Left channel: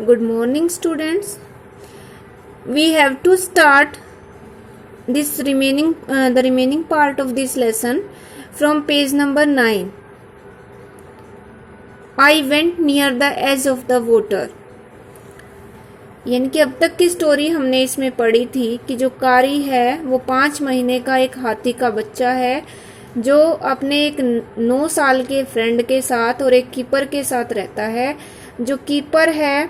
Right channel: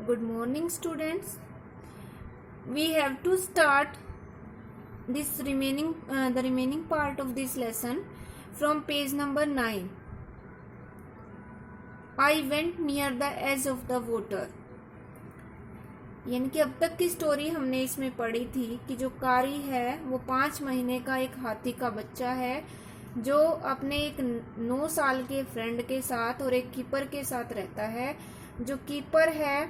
Good morning, students. We have to start the remaining part of this lesson from page number 9. I went near the edge of the water. यानी कि अब तक की story हमने इसमें पढ़ी थी कि जो कारी है वो 5 महीने का एक हाथी का बच्चा है जो अपने एक 9 साल के फ्रेंड के साथ और एक कीपर के साथ रहता है। जो कीपर है,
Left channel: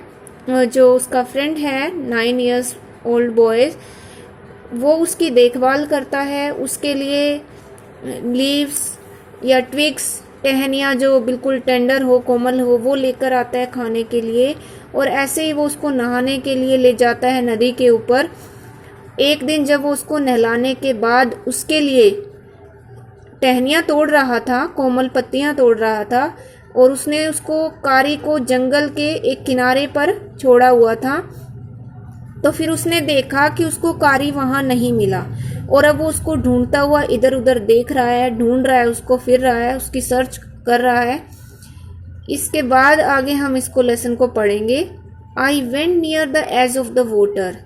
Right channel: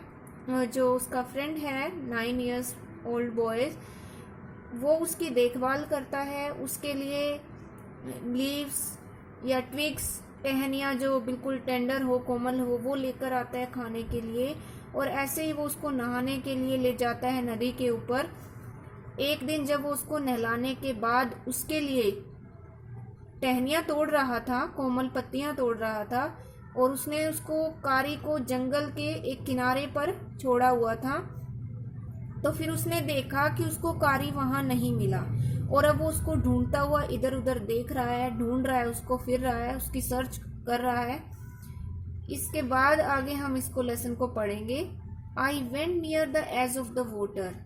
जो उसका फ्रेंड है 9 इयर्स ओल्ड बॉयज, वो उसकी देखभाल करता है। उसके लिए लीव्स या ट्विग्स, टहनियाँ जो बिल्कुल टेंडर हो, कोमल हो, वो लेकर आता है खाने के लिए। और ऐसे ही वो उसको नहाने के लिए ले जाता है नदी के ऊपर। एक दिन जब वो उसको नहलाने के बाद उसके लिए टहनियाँ तोड़ रहा था, कोमल पत्तियाँ तोड़ रहा था, और उसने उसको कारी को जंगल के एक किनारे पर छोड़ा हुआ था। तो फिर उसने देखा कि उसको कारी वहाँ नहीं मिला और अब वो उसको ढूंढता हुआ इधर उधर देख रहा है, ढूंढ रहा है उसको, फिर रहा है, उसकी सर्च कर रहा है। इसके बाद आगे हम इसको लेसन को पढ़ेंगे। I went near the edge of the water.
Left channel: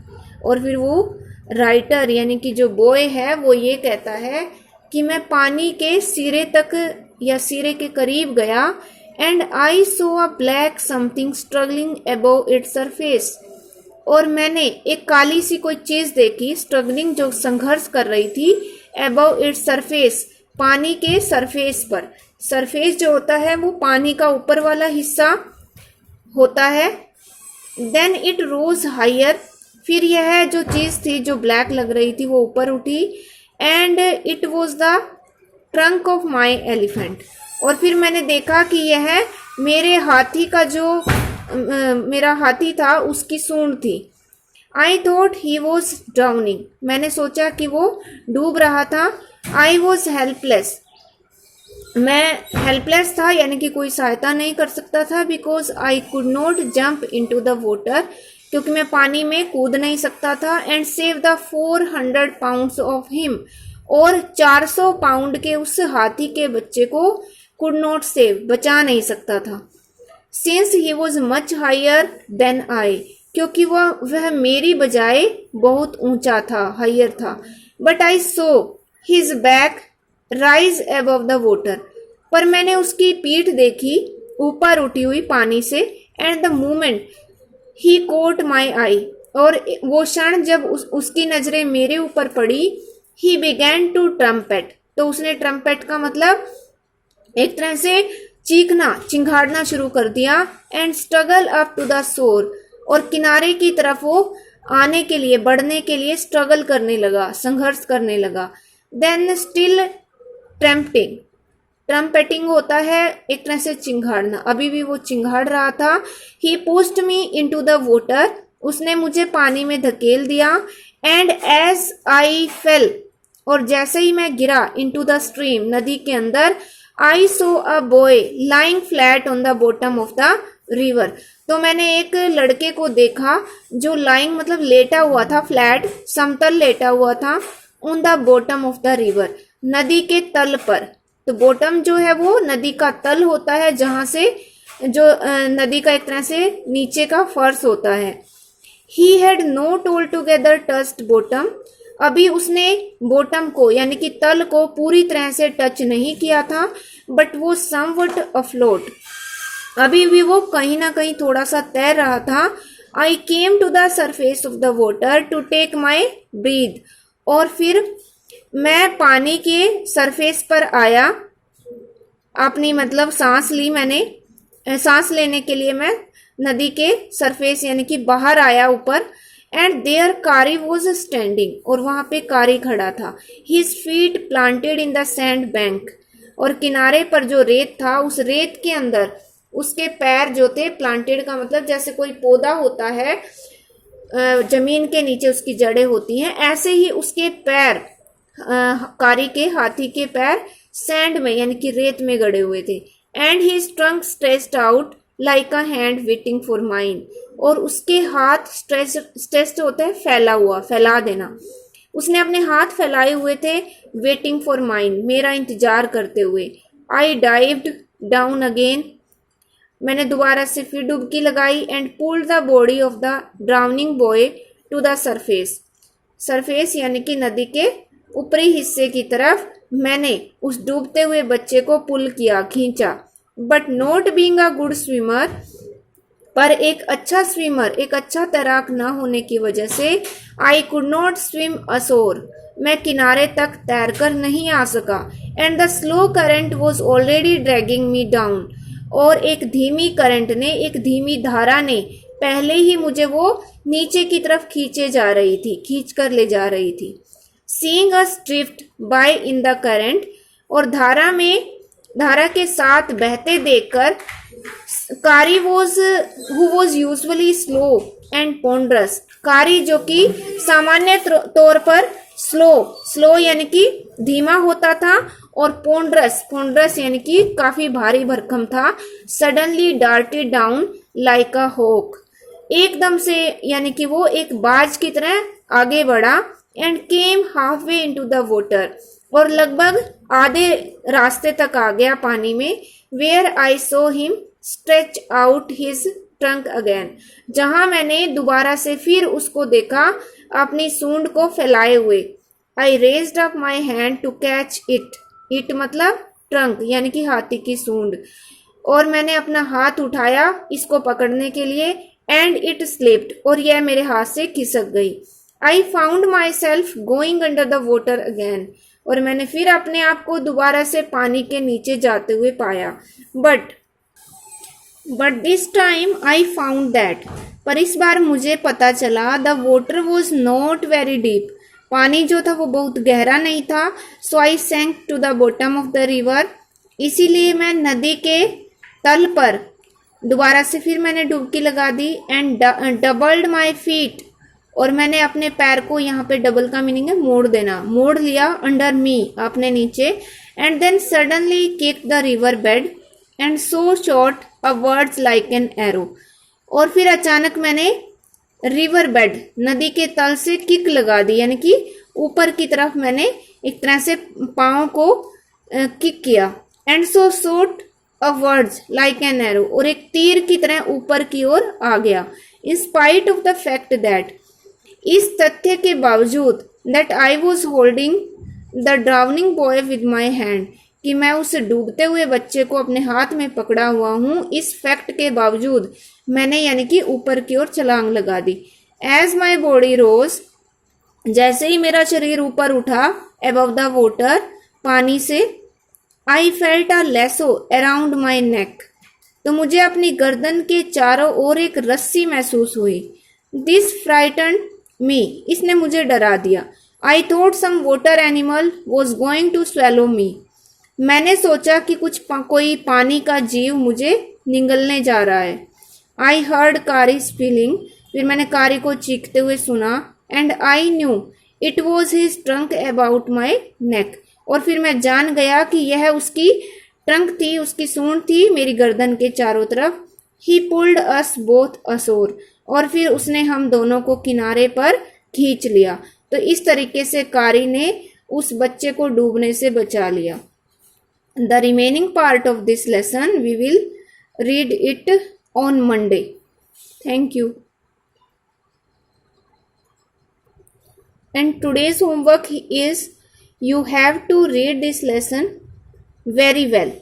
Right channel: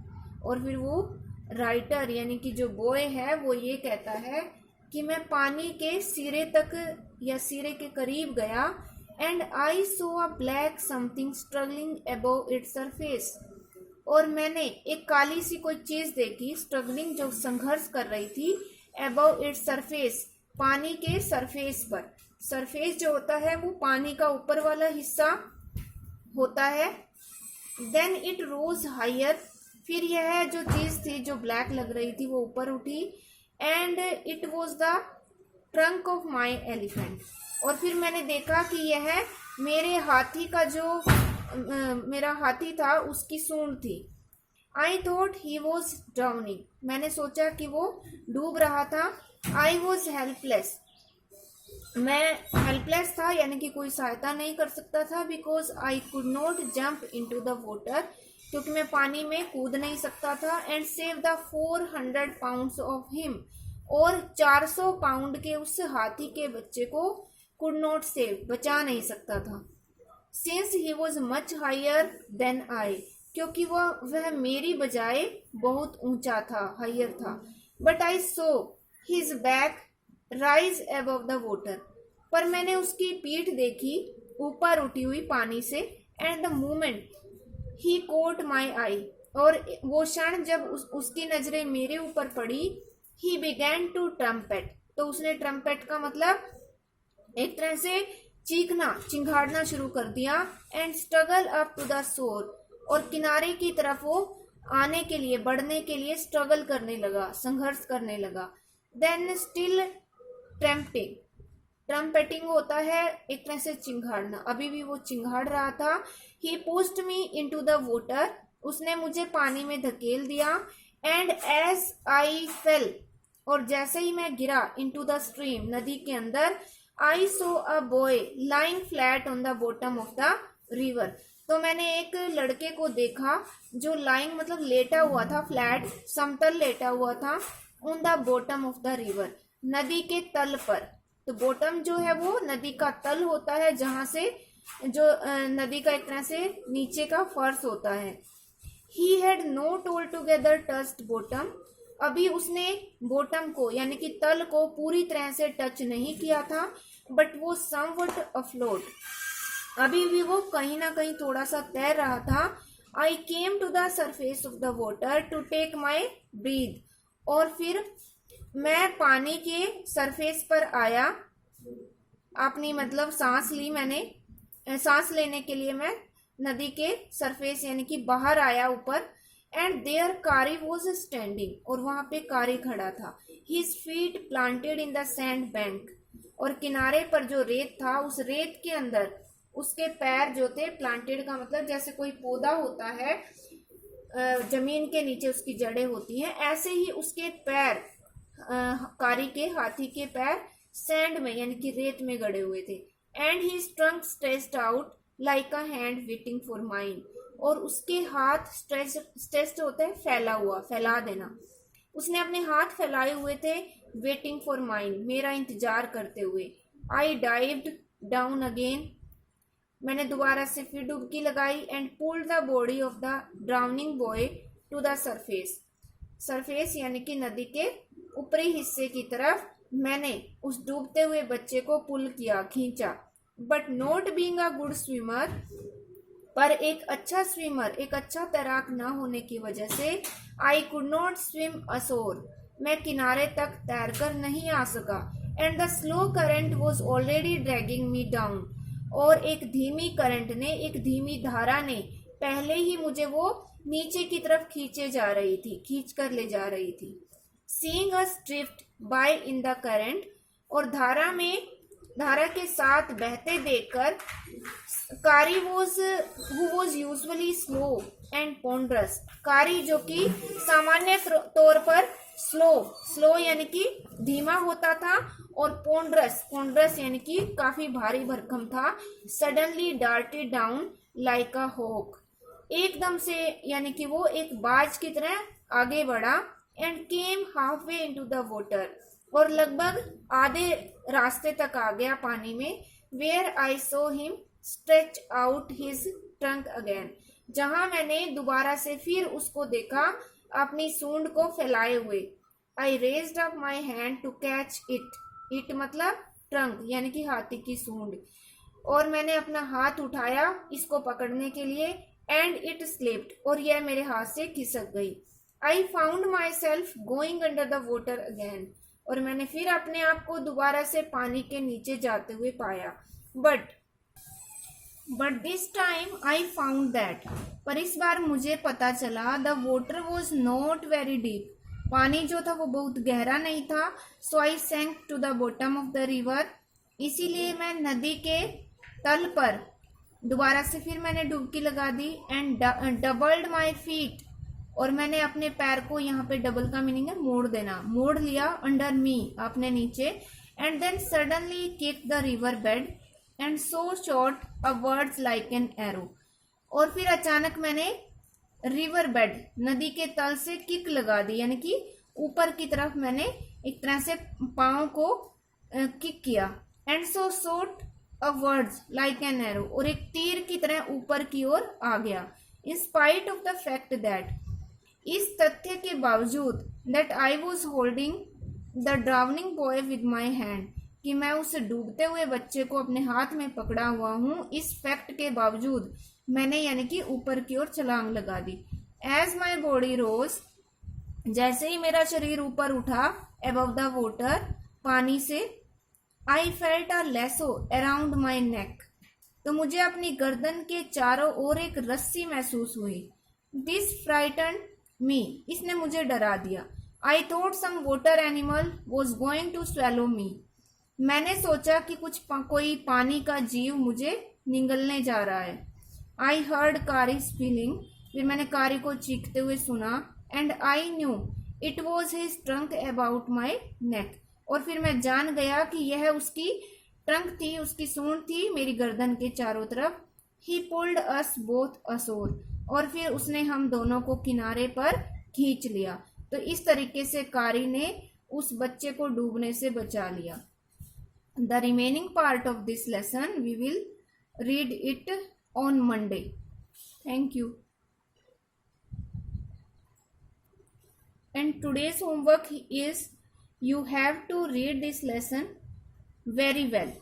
और फिर वो राइटर यानी कि जो बॉय है वो ये कहता है कि मैं पानी के सिरे तक या सिरे के करीब गया। And I saw a black something struggling above its surface. और मैंने एक काली सी कोई चीज देखी, स्ट्रगलिंग जो संघर्ष कर रही थी, अबव इट्स सरफेस पानी के सरफेस पर। सरफेस जो होता है वो पानी का ऊपर वाला हिस्सा होता है। Then it rose higher. फिर यह जो चीज थी जो ब्लैक लग रही थी वो ऊपर उठी। And it was the trunk of my elephant. और फिर मैंने देखा कि यह मेरे हाथी का जो मेरा हाथी था उसकी सूंड थी। I thought he was drowning. मैंने सोचा कि वो डूब रहा था। I was helpless. मैं हेल्पलेस था यानी कि कोई सहायता नहीं कर सकता था। Because I could not jump into the water, क्योंकि मैं पानी में कूद नहीं सकता था। And save the 400 pounds of him. और 400 पाउंड के उस हाथी के बच्चे को कुड नॉट सेव, बचा नहीं सकता था। Since he was much higher than I, क्योंकि वह मेरी बजाय बहुत ऊंचा था, हायर था। But I saw his back rise above the water. पर मैंने उसकी पीठ देखी ऊपर उठी हुई पानी से। And the moment he caught my eye. और वो क्षण जब उसकी नजरें मेरे ऊपर पड़ी, ही बिगैन टू ट्रम्पेट। तो उसने ट्रम्पेट का मतलब एक तरह से चीखना, चिंघाड़ना शुरू कर दिया। And struggle up to the shore. और किनारे की तरफ वो आने के लिए, बढ़ने के लिए स्ट्रगल करने लगा, संघर्ष करने लगा। Then still ट्रम्पेटिंग। ट्रम्पेटिंग होता है एक तरह से चिंघाड़ना। अभी भी वो चिंघाड़ रहा था। He pushed me into the water. उसने मुझे पानी में धकेल दिया। And as I fell. और जैसे ही मैं गिरा इनटू द स्ट्रीम, नदी के अंदर, I saw a boy lying flat on the bottom of the river. तो मैंने एक लड़के को देखा जो लाइंग मतलब लेटा हुआ था, फ्लैट समतल लेटा हुआ था, on the bottom of the river, नदी के तल पर। तो बॉटम जो है वो नदी का तल होता है, जहां से जो नदी का एक तरह से नीचे का फर्श होता है। He had not all together touched bottom. अभी उसने बॉटम को यानी कि तल को पूरी तरह से टच नहीं किया था। बट वो समवट अफ्लोट, अभी भी वो कहीं ना कहीं थोड़ा सा तैर रहा था। I came to the surface of the water to take my breath. और फिर मैं पानी के सरफेस पर आया, अपनी मतलब सांस ली मैंने। सांस लेने के लिए मैं नदी के सरफेस यानी कि बाहर आया ऊपर। एंड देयर कारी वॉज स्टैंडिंग। और वहां पे कारी खड़ा था। His feet planted in the sand bank. और किनारे पर जो रेत था, उस रेत के अंदर उसके पैर जो थे, प्लांटेड का मतलब जैसे कोई पौधा होता है, जमीन के नीचे उसकी जड़ें होती हैं, ऐसे ही उसके पैर, कारी के हाथी के पैर सैंड में यानी कि रेत में गड़े हुए थे। And his trunk stretched out like a hand waiting for mine. और उसके हाथ स्ट्रेच्ड होता है फैला हुआ, फैला देना। उसने अपने हाथ फैलाए हुए थे, वेटिंग फॉर माइन, मेरा इंतजार करते हुए। I dived down again. मैंने दोबारा से फिर डुबकी लगाई and pulled the body of the drowning boy to the surface. Surface यानी कि नदी के ऊपरी हिस्से की तरफ मैंने उस डूबते हुए बच्चे को पुल किया, खींचा। But not being a good swimmer, पर एक अच्छा स्विमर, एक अच्छा तैराक न होने की वजह से I could not swim assure, मैं किनारे तक तैरकर नहीं आ सका। And the slow current was already dragging me down, और एक धीमी करंट ने, एक धीमी धारा ने पहले ही मुझे वो नीचे की तरफ खींचे जा रही थी, खींच कर ले जा रही थी। Seeing us drift by in the current, और धारा के साथ बहते देखकर, Kari who was usually slow and ponderous, Kari जो कि सामान्य तौर पर स्लो यानी कि धीमा होता था, और पोंड्रस यानी कि काफी भारी भरकम था। Suddenly darted down like a hawk, एकदम से यानी कि वो एक बाज की तरह आगे बढ़ा। And came halfway into the water, और लगभग आधे रास्ते तक आ गया पानी में। Where I saw him stretch out his trunk again, जहां मैंने दोबारा से फिर उसको देखा अपनी सूंड को फैलाए हुए। I raised up my hand to catch it मतलब ट्रंक यानी कि हाथी की सूंड, और मैंने अपना हाथ उठाया इसको पकड़ने के लिए। एंड इट स्लिप्ड, और यह मेरे हाथ से खिसक गई। I found my self going under the water again, और मैंने फिर अपने आप को दोबारा से पानी के नीचे जाते हुए पाया। But this time I found that, पर इस बार मुझे पता चला the water was not very deep, पानी जो था वो बहुत गहरा नहीं था। So I sank to the bottom of the river, इसीलिए मैं नदी के तल पर दोबारा से फिर मैंने डुबकी लगा दी। एंड डबल्ड माई फीट, और मैंने अपने पैर को, यहाँ पे डबल का मीनिंग है मोड़ देना, मोड़ लिया। अंडर मी अपने नीचे। And then suddenly kick the river bed and so shot upwards like an arrow, और फिर अचानक मैंने रिवर बेड नदी के तल से किक लगा दी, यानी कि ऊपर की तरफ मैंने एक तरह से पाँव को किक किया। And so shot upwards like an arrow, और एक तीर की तरह ऊपर की ओर आ गया। In spite of the fact that, इस तथ्य के बावजूद, that I was holding the drowning boy with my hand, कि मैं उस डूबते हुए बच्चे को अपने हाथ में पकड़ा हुआ हूँ, इस फैक्ट के बावजूद मैंने यानी कि ऊपर की ओर छलांग लगा दी। एज माई बॉडी रोज, जैसे ही मेरा शरीर ऊपर उठा अबव द वाटर, पानी से, I felt a lasso around my neck, तो मुझे अपनी गर्दन के चारों ओर एक रस्सी महसूस हुई। दिस फ्राइटन मी, इसने मुझे डरा दिया। I thought some water animal was going to swallow me, मैंने सोचा कि कोई पानी का जीव मुझे निगलने जा रहा है। आई हर्ड कारी फीलिंग, फिर मैंने कारी को चीखते हुए सुना। And I knew it was his trunk about my neck, और फिर मैं जान गया कि यह उसकी ट्रंक थी, उसकी सूंड थी मेरी गर्दन के चारों तरफ। ही पुल्ड अस बोथ अशोर, और फिर उसने हम दोनों को किनारे पर खींच लिया। तो इस तरीके से कारी ने उस बच्चे को डूबने से बचा लिया। The remaining part of this lesson we will read it on Monday. Thank you. And today's homework is you have to read this lesson very well.